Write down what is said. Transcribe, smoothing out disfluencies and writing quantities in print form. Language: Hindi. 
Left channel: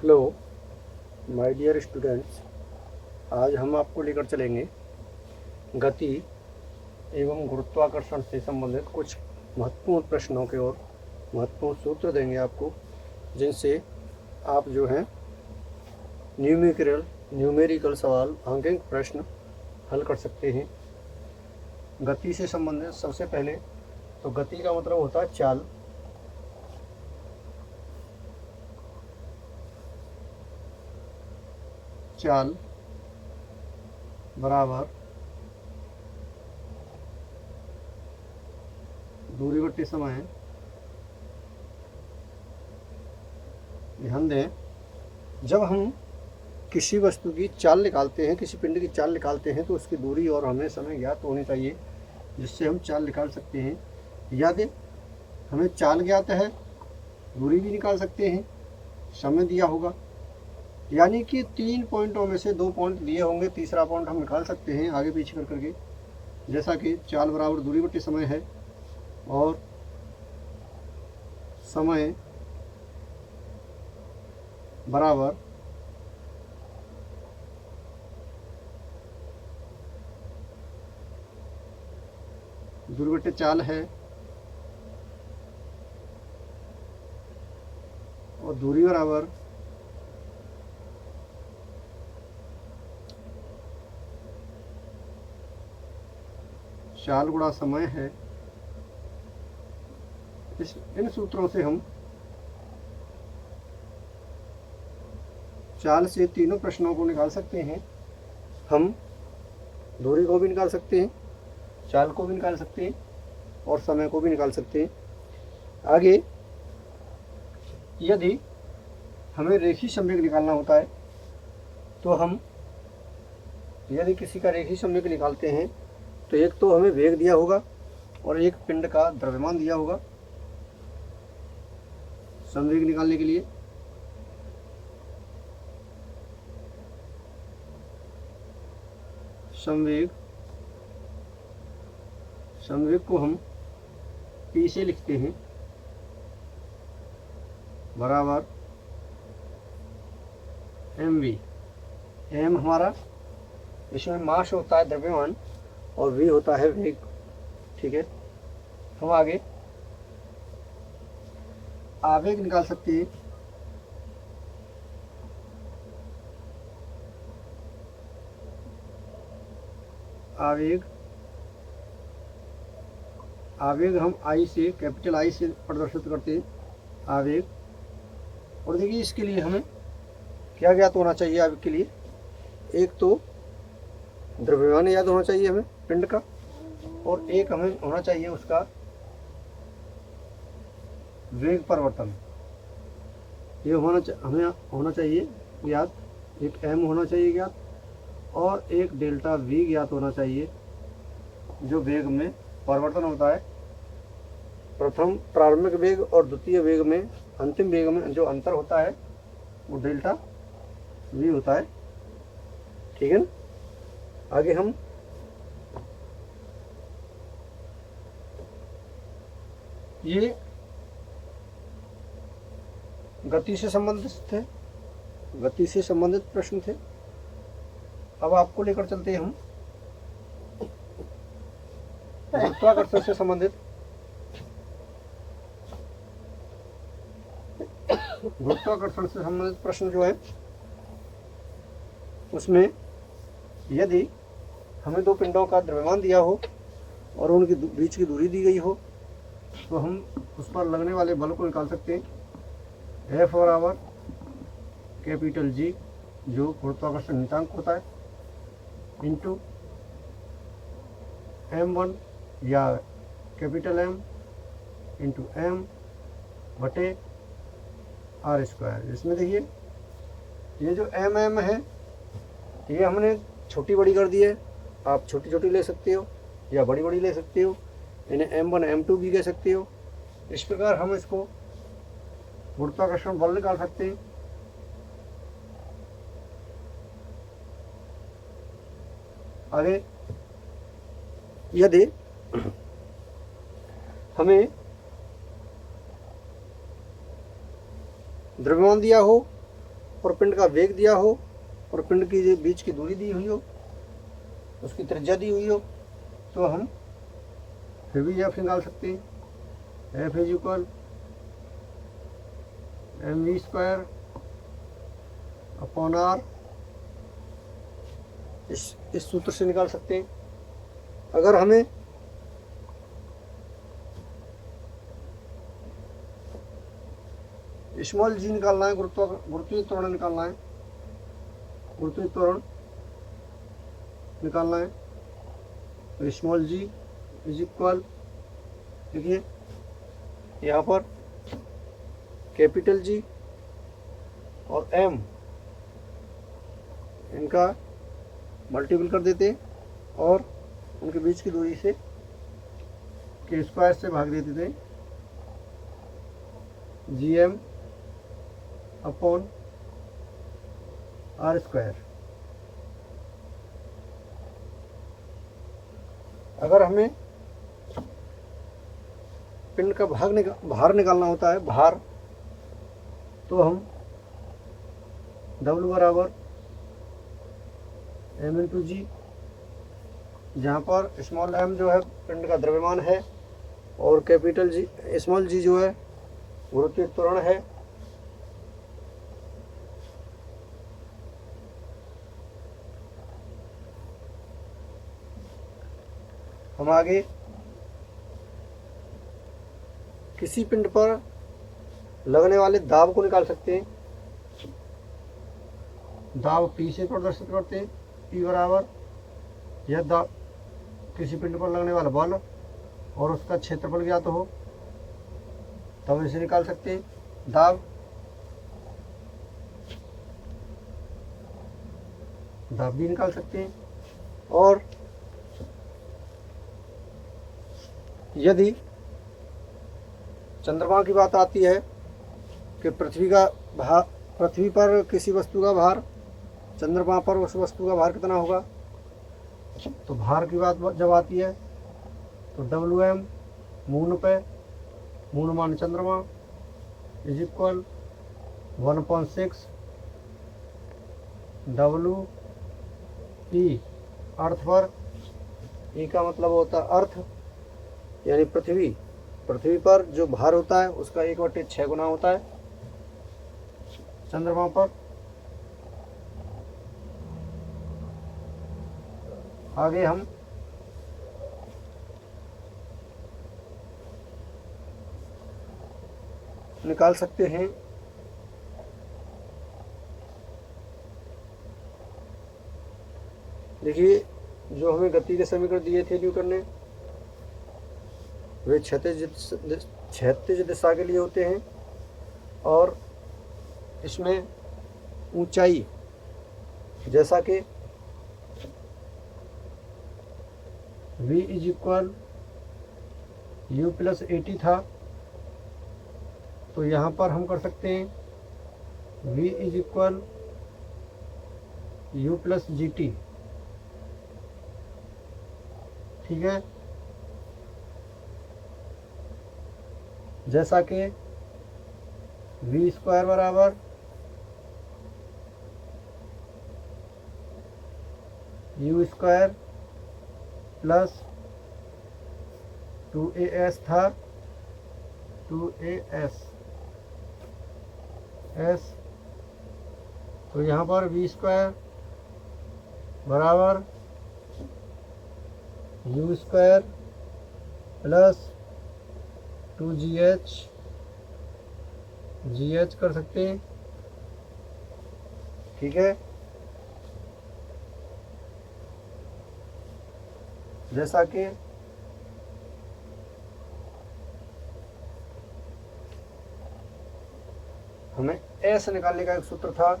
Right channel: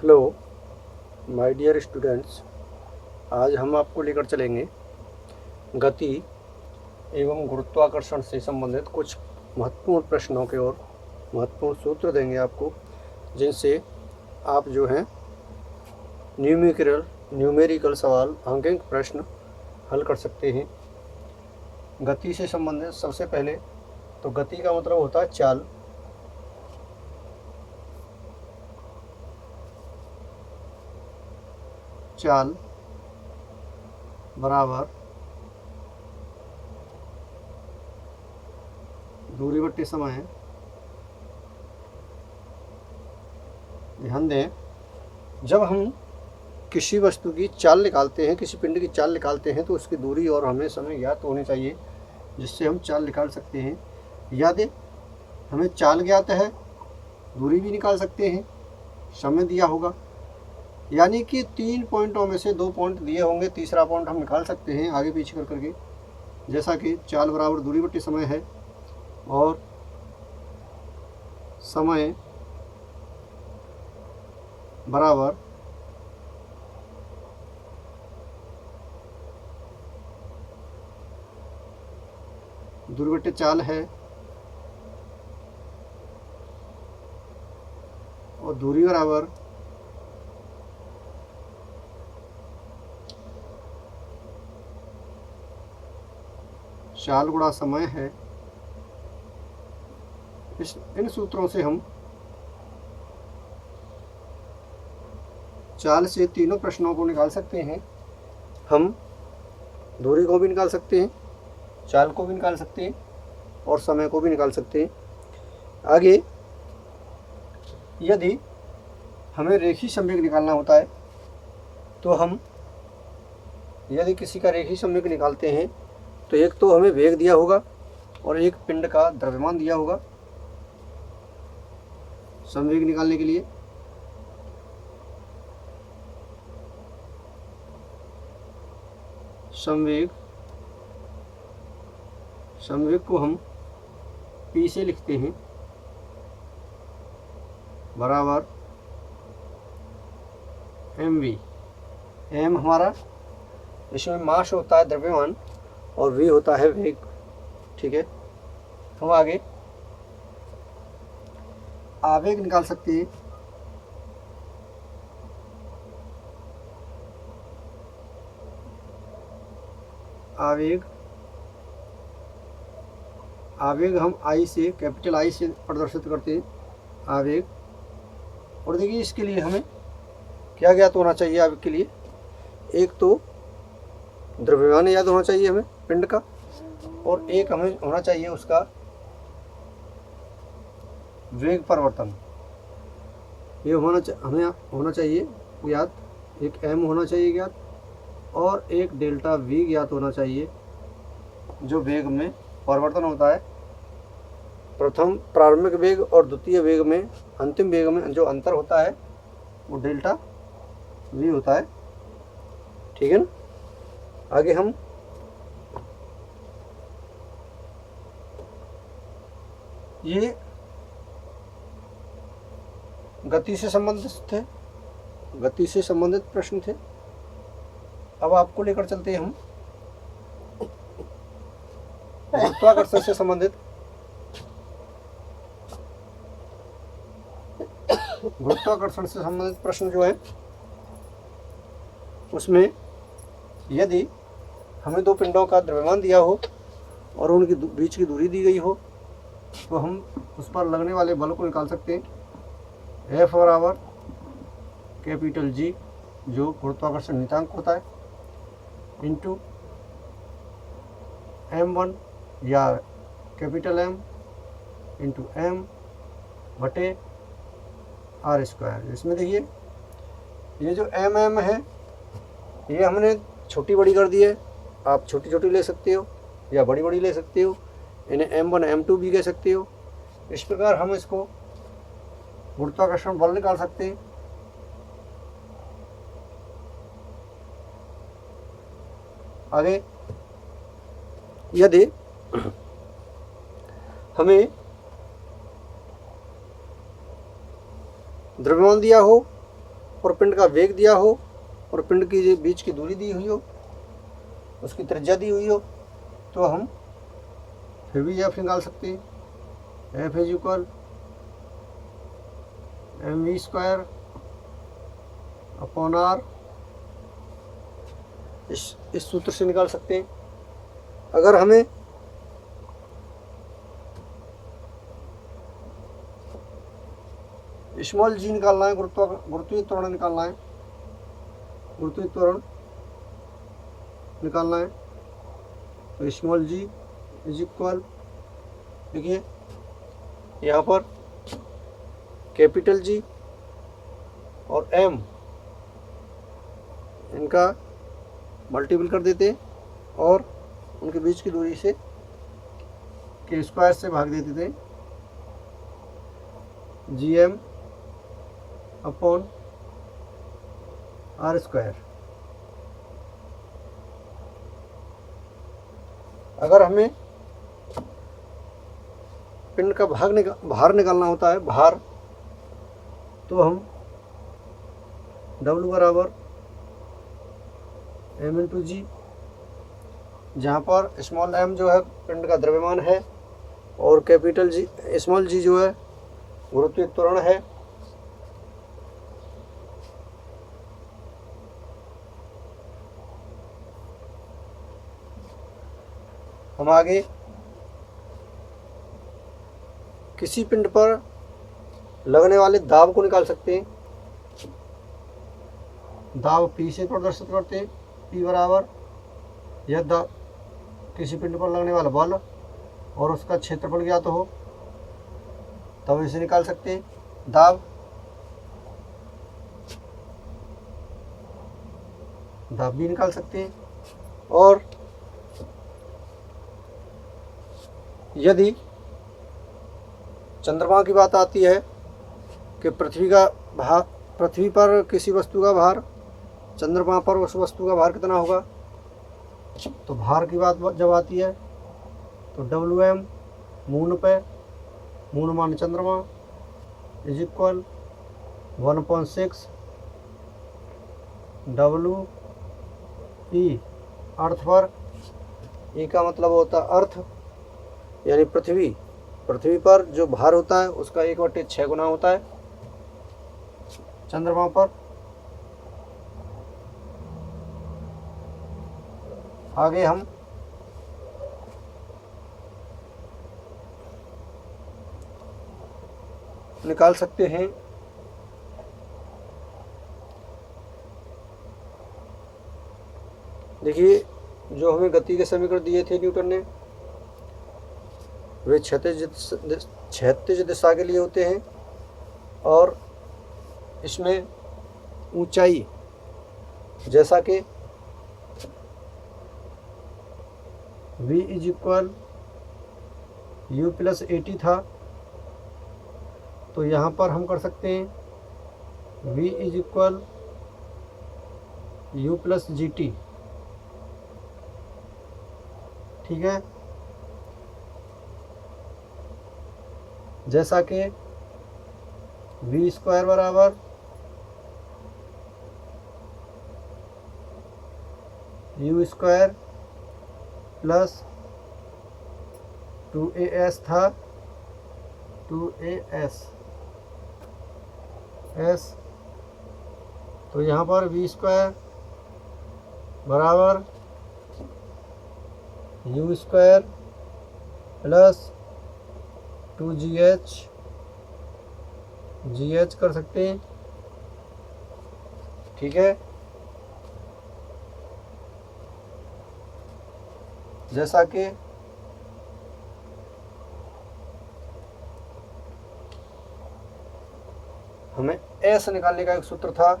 हेलो माय डियर स्टूडेंट्स, आज हम आपको लेकर चलेंगे गति एवं गुरुत्वाकर्षण से संबंधित कुछ महत्वपूर्ण प्रश्नों के ओर। महत्वपूर्ण सूत्र देंगे आपको, जिनसे आप जो है न्यूमेरिकल सवाल, अंकित प्रश्न हल कर सकते हैं। गति से संबंधित सबसे पहले तो गति का मतलब होता है चाल। चाल बराबर दूरी बट्टे समय। ध्यान दें, जब हम किसी वस्तु की चाल निकालते हैं, किसी पिंड की चाल निकालते हैं, तो उसकी दूरी और हमें समय ज्ञात होनी चाहिए, जिससे हम चाल निकाल सकते हैं। याद है, हमें चाल ज्ञात है, दूरी भी निकाल सकते हैं, समय दिया होगा। यानी कि 3 पॉइंटों में से 2 पॉइंट दिए होंगे, तीसरा पॉइंट हम निकाल सकते हैं आगे पीछे कर करके। जैसा कि चाल बराबर दूरी बट्टे समय है और समय बराबर दूरी बट्टे चाल है और दूरी बराबर चाल गुणा समय है। इन सूत्रों से हम चाल से तीनों प्रश्नों को निकाल सकते हैं। हम दूरी को भी निकाल सकते हैं, चाल को भी निकाल सकते हैं और समय को भी निकाल सकते हैं। आगे यदि हमें रेखीय संवेग निकालना होता है, तो हम यदि किसी का रेखीय संवेग निकालते हैं, तो एक तो हमें वेग दिया होगा और एक पिंड का द्रव्यमान दिया होगा संवेग निकालने के लिए। संवेग को हम P से लिखते हैं बराबर mv। m हमारा इसमें मास होता है द्रव्यमान और v होता है वेग। ठीक है, हम आगे आवेग निकाल सकते हैं। आवेग हम I से, कैपिटल I से प्रदर्शित करते हैं, आवेग। और देखिए, इसके लिए हमें क्या ज्ञात होना चाहिए? आवेग के लिए एक तो द्रव्यमान याद होना चाहिए हमें पिंड का, और एक हमें होना चाहिए उसका वेग परिवर्तन। ये हमें होना चाहिए ज्ञात। एक m होना चाहिए ज्ञात और एक डेल्टा v ज्ञात होना चाहिए, जो वेग में परिवर्तन होता है। प्रथम प्रारंभिक वेग और द्वितीय वेग में, अंतिम वेग में जो अंतर होता है वो डेल्टा v होता है। ठीक है ना? आगे हम ये गति से संबंधित प्रश्न थे। अब आपको लेकर चलते हैं हम गुरुत्वाकर्षण से संबंधित। गुरुत्वाकर्षण से संबंधित प्रश्न जो है, उसमें यदि हमें 2 पिंडों का द्रव्यमान दिया हो और उनकी बीच की दूरी दी गई हो, तो हम उस पर लगने वाले बल को निकाल सकते हैं। F बराबर कैपिटल G, जो गुरुत्वाकर्षण नियतांक होता है, इंटू m1 या कैपिटल M इंटू m बटे r²। इसमें देखिए, ये जो mm है, ये हमने छोटी बड़ी कर दी है। आप छोटी छोटी ले सकते हो या बड़ी बड़ी ले सकते हो, इन्हें m1 m2 भी कह सकते हो। इस प्रकार हम इसको गुरुत्वाकर्षण बल निकाल सकते हैं। आगे यदि हमें द्रव्यमान दिया हो और पिंड का वेग दिया हो और पिंड की जो बीच की दूरी दी हुई हो, उसकी त्रिज्या दी हुई हो, तो हम फिर भी एफ निकाल सकते हैं। F is equal mv square upon R, इस सूत्र से निकाल सकते हैं। अगर हमें स्मॉल जी निकालना है, गुरुत्वीय त्वरण निकालना है, गुरुत्वीय त्वरण निकालना है, तो स्मॉल जी इज इक्वल, देखिए यहाँ पर कैपिटल जी और एम इनका मल्टीपल कर देते और उनके बीच की दूरी से के स्क्वायर से भाग देते थे, G M upon R square. अगर हमें पिंड का भार निकालना होता है, भार, तो हम W बराबर m इंटू जी, जहाँ पर स्मॉल m जो है पिंड का द्रव्यमान है और कैपिटल जी, स्मॉल जी जो है गुरुत्वीय त्वरण है। हम आगे किसी पिंड पर लगने वाले दाब को निकाल सकते हैं। दाब P से प्रदर्शित करते हैं, P बराबर यह दाब किसी पिंड पर लगने वाला बल और उसका क्षेत्रफल ज्ञात हो तब इसे निकाल सकते हैं। दाब भी निकाल सकते हैं। और यदि चंद्रमा की बात आती है कि पृथ्वी पर किसी वस्तु का भार, चंद्रमा पर उस वस्तु का भार कितना होगा, तो भार की बात जब आती है तो WM मून पे, मून मान चंद्रमा, इज इक्वल 1/6 WE अर्थ पर। E का मतलब होता है अर्थ, यानी पृथ्वी पर जो भार होता है उसका 1/6 गुना होता है चंद्रमा पर। आगे हम निकाल सकते हैं देखिए, जो हमें गति के समीकरण दिए थे न्यूटन ने, वे क्षैतिज दिशा के लिए होते हैं और इसमें ऊंचाई, जैसा कि v is equal u plus 80 था, तो यहाँ पर हम कर सकते हैं v is equal u plus GT, ठीक है। जैसा कि v स्क्वायर बराबर u स्क्वायर प्लस 2as था, 2as तो यहाँ पर v स्क्वायर बराबर u स्क्वायर प्लस 2gh कर सकते हैं, ठीक है। जैसा कि हमें S निकालने का एक सूत्र था,